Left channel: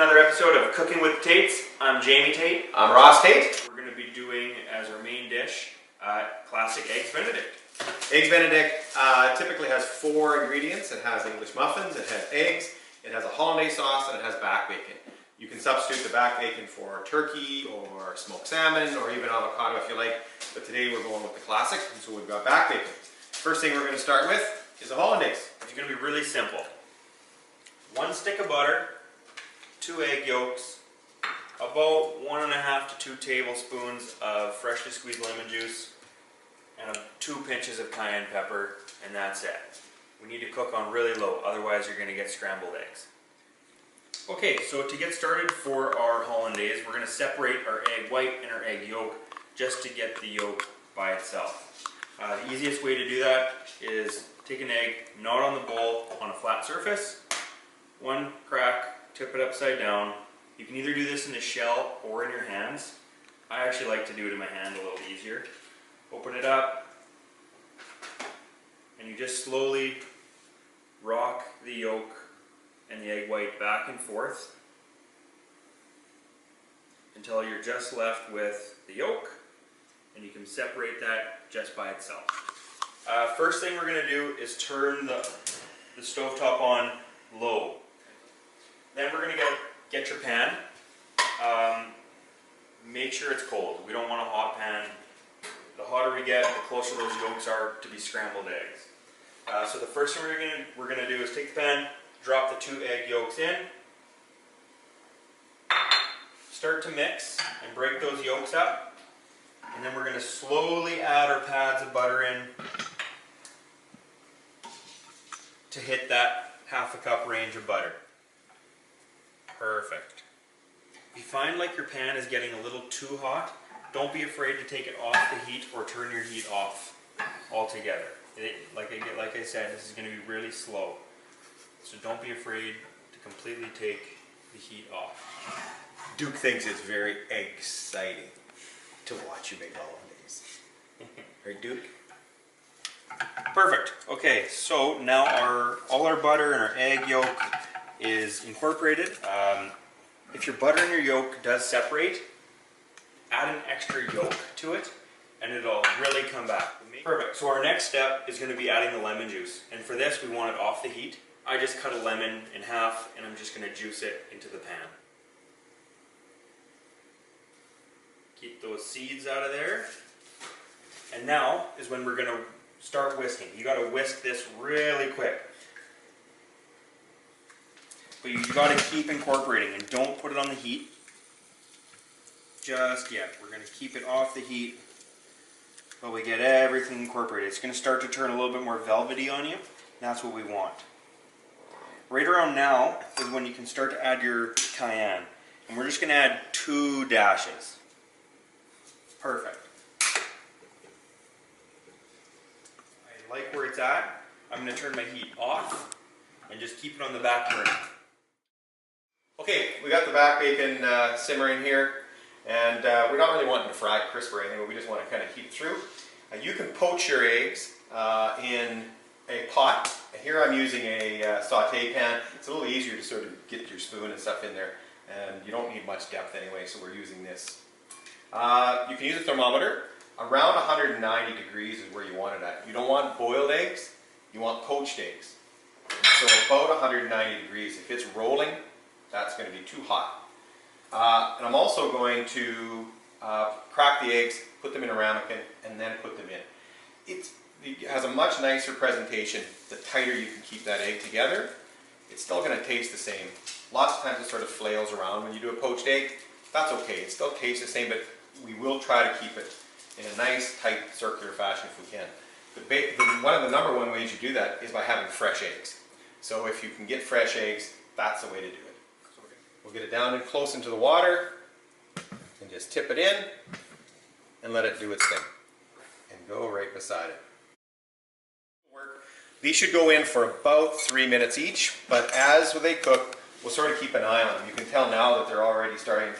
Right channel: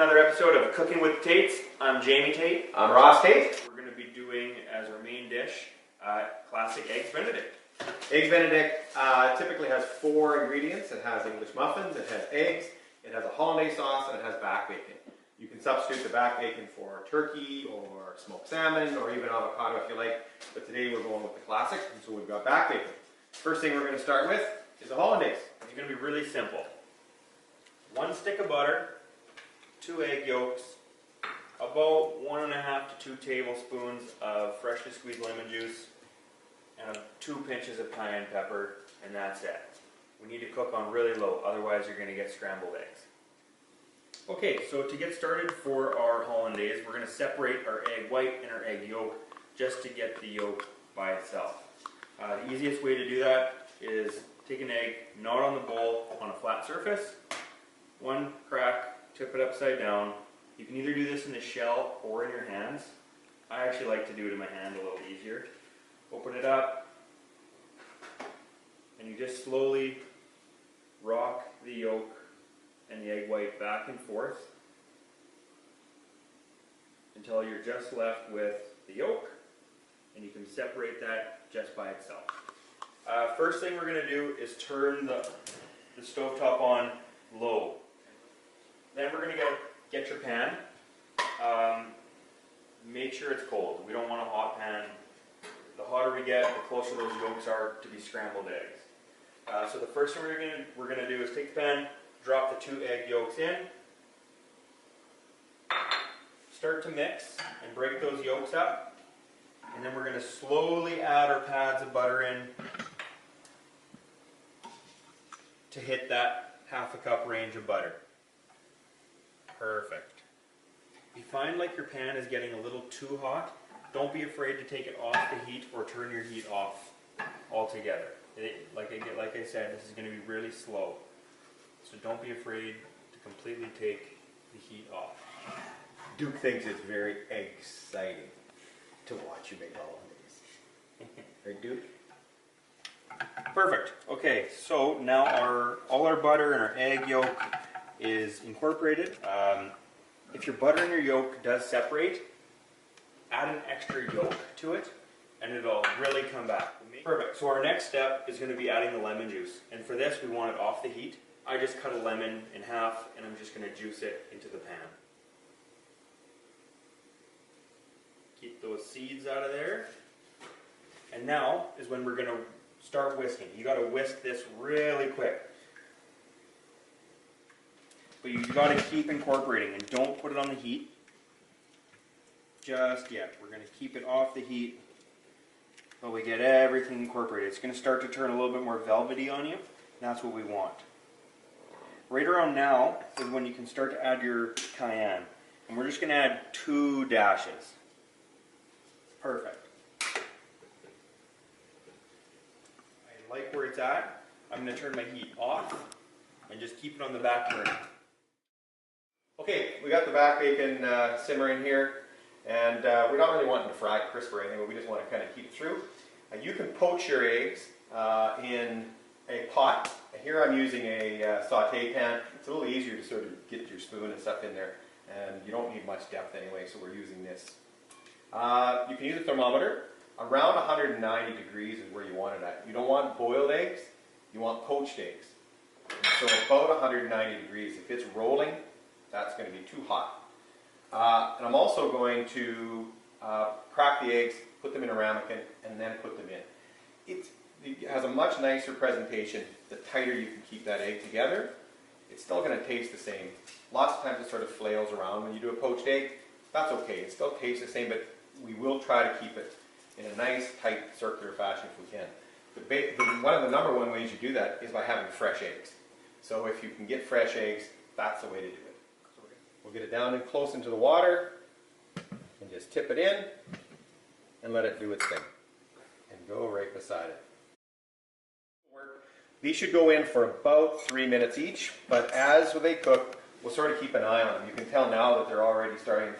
another episode of Cooking with Tates. I'm Jamie Tate. I'm Ross Tate. We're going to be doing, as our main dish, classic Eggs Benedict. Eggs Benedict typically has 4 ingredients. It has English muffins, it has eggs, it has a hollandaise sauce, and it has back bacon. You can substitute the back bacon for turkey or smoked salmon or even avocado if you like, but today we're going with the classic, and so we've got back bacon. First thing we're going to start with is a hollandaise. It's going to be really simple. 1 stick of butter, 2 egg yolks, about 1.5 to 2 tablespoons of freshly squeezed lemon juice, and 2 pinches of cayenne pepper, and that's it. We need to cook on really low, otherwise you're going to get scrambled eggs. Okay, so to get started for our hollandaise, we're going to separate our egg white and our egg yolk just to get the yolk by itself. The easiest way to do that is take an egg, gnaw it on the bowl on a flat surface, 1 crack, tip it upside down. You can either do this in the shell or in your hands. I actually like to do it in my hand, a little easier. Open it up, and you just slowly rock the yolk and the egg white back and forth until you're just left with the yolk, and you can separate that just by itself. First thing we're going to do is turn the stovetop on low. Then we're going to get your pan. Make sure it's cold. We don't want a hot pan. The hotter we get, the closer those yolks are to be scrambled eggs. So the first thing we're going to do is take the pan, drop the 2 egg yolks in, start to mix and break those yolks up, and then we're going to slowly add our pads of butter in to hit that 1/2 cup range of butter. Perfect. If you find like your pan is getting a little too hot, don't be afraid to take it off the heat or turn your heat off altogether. Like I said, this is going to be really slow. So don't be afraid to completely take the heat off. Duke thinks it's very exciting to watch you make hollandaise. Right, Duke? Perfect. Okay, so now all our butter and our egg yolk is incorporated. If your butter and your yolk does separate, add an extra yolk to it and it'll really come back. Perfect. So our next step is going to be adding the lemon juice, and for this we want it off the heat. I just cut a lemon in half and I'm just going to juice it into the pan. Keep those seeds out of there. And now is when we're going to start whisking. You got to whisk this really quick. But you got to keep incorporating and don't put it on the heat just yet. We're going to keep it off the heat while we get everything incorporated. It's going to start to turn a little bit more velvety on you. That's what we want. Right around now is when you can start to add your cayenne. And we're just going to add 2 dashes. Perfect. I like where it's at. I'm going to turn my heat off and just keep it on the back burner. Okay, we got the back bacon simmering here, and we're not really wanting to fry it crisp or anything, but we just want to kind of heat it through. You can poach your eggs in a pot. Here I'm using a saute pan. It's a little easier to sort of get your spoon and stuff in there, and you don't need much depth anyway, so we're using this. You can use a thermometer. Around 190 degrees is where you want it at. You don't want boiled eggs, you want poached eggs. And so about 190 degrees. If it's rolling, that's going to be too hot. And I'm also going to crack the eggs, put them in a ramekin, and then put them in. It has a much nicer presentation the tighter you can keep that egg together. It's still going to taste the same. Lots of times it sort of flails around when you do a poached egg. That's okay. It still tastes the same, but we will try to keep it in a nice, tight, circular fashion if we can. One of the number 1 ways you do that is by having fresh eggs. So if you can get fresh eggs, that's the way to do it. So we'll get it down and close into the water and just tip it in and let it do its thing. And go right beside it. These should go in for about 3 minutes each, but as they cook, we'll sort of keep an eye on them. You can tell now that they're already starting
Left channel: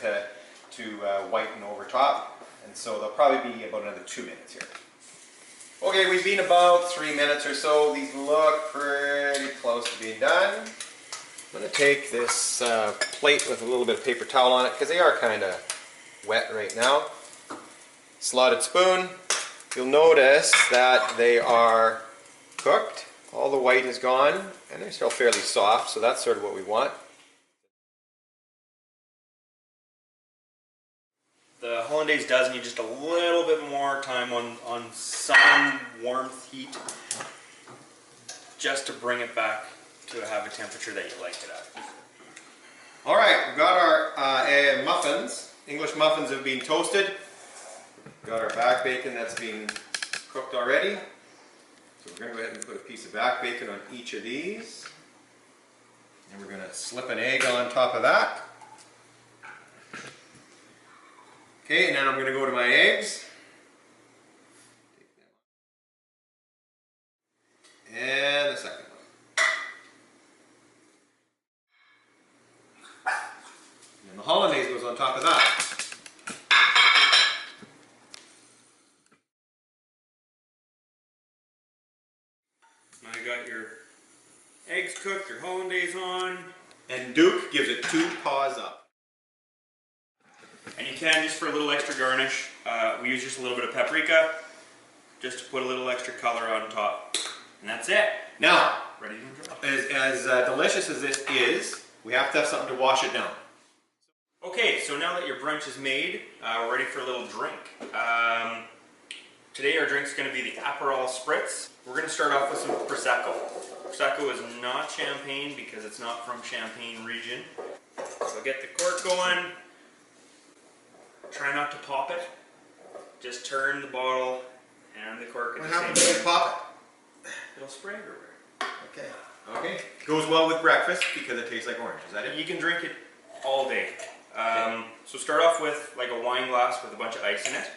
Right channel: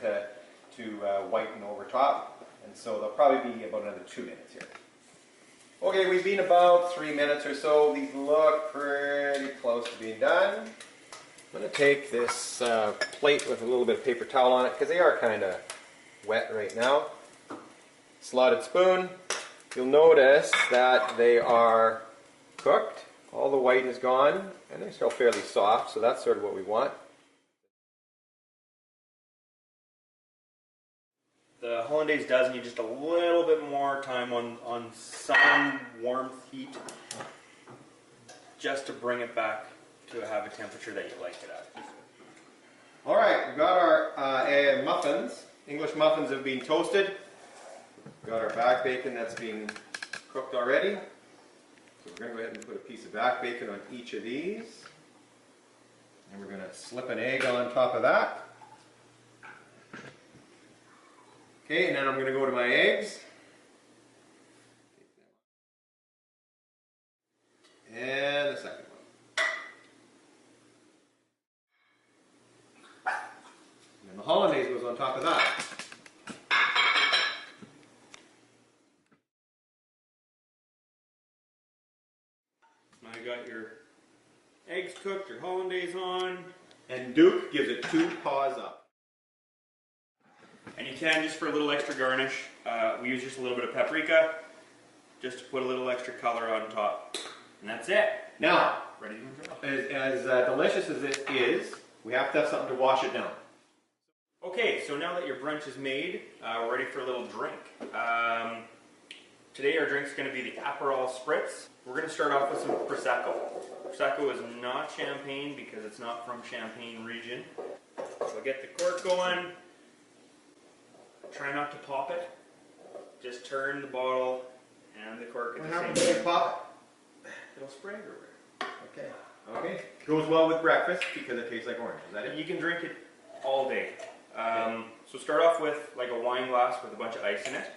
to whiten over top, and so they'll probably be about another 2 minutes here. Okay, we've been about 3 minutes or so. These look pretty close to being done. I'm going to take this plate with a little bit of paper towel on it because they are kind of wet right now. Slotted spoon. You'll notice that they are cooked. All the white is gone and they're still fairly soft, so that's sort of what we want. The hollandaise does need just a little bit more time on some warmth heat, just to bring it back to have a temperature that you like it at. All right, we've got our muffins. English muffins have been toasted. We've got our back bacon that's been cooked already. So we're going to go ahead and put a piece of back bacon on each of these. And we're going to slip an egg on top of that. Okay, and then I'm going to go to my eggs. And the second one. And the hollandaise goes on top of that. Now you got your eggs cooked, your hollandaise on. And Duke gives it 2 paws up. And you can, just for a little extra garnish, we use just a little bit of paprika, just to put a little extra color on top. And that's it. Now, Ready to enjoy. as delicious as this is, we have to have something to wash it down. Okay, so now that your brunch is made, we're ready for a little drink. Today our drink's going to be the Aperol Spritz. We're going to start off with some Prosecco. Prosecco is not champagne because it's not from Champagne region. So get the cork going. Try not to pop it. Just turn the bottle and the cork at the same time. What happens when you pop It'll spray everywhere. it? Okay. Okay. Goes well with breakfast because it tastes like orange. Is that it? You can drink it all day. So start off with like a wine glass with a bunch of ice in it.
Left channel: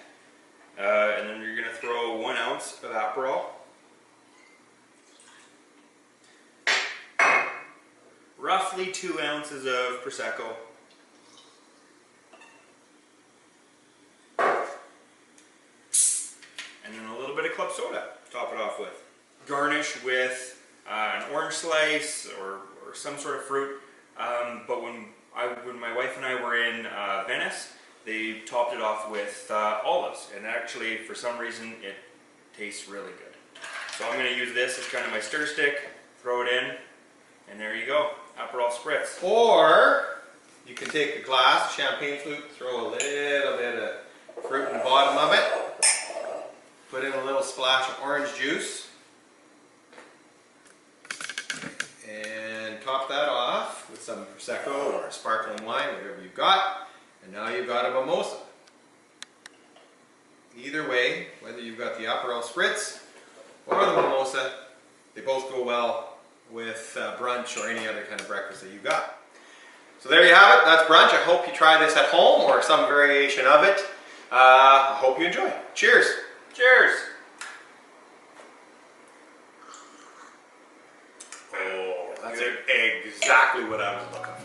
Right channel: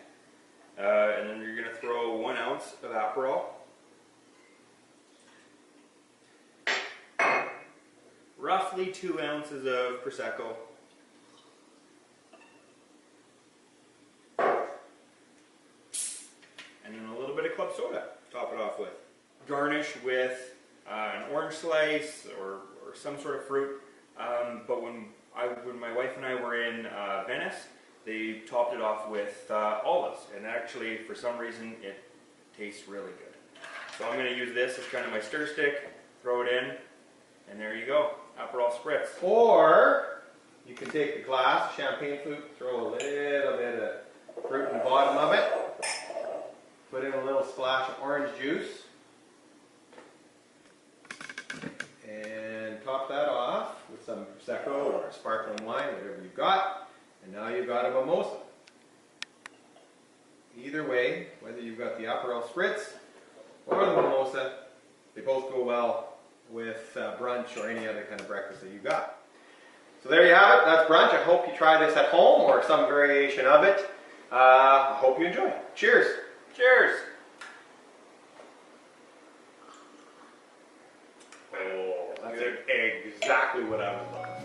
And then you're going to throw 1 ounce of Aperol. Roughly 2 ounces of Prosecco. And then a little bit of club soda to top it off with. Garnish with an orange slice or some sort of fruit. But when my wife and I were in Venice, they topped it off with olives. And actually, for some reason, it tastes really good. So I'm going to use this as kind of my stir stick, throw it in, and there you go. Aperol Spritz. Or you can take a glass, champagne flute, throw a little bit of fruit in the bottom of it, put in a little splash of orange juice, and top that off with some Prosecco or sparkling wine, whatever you've got, and now you've got a mimosa. Either way, whether you've got the Aperol Spritz or the mimosa, they both go well with brunch or any other kind of breakfast that you've got. So there you have it, that's brunch. I hope you try this at home or some variation of it. I hope you enjoy. Cheers! Cheers! Oh, that's exactly what I was looking for.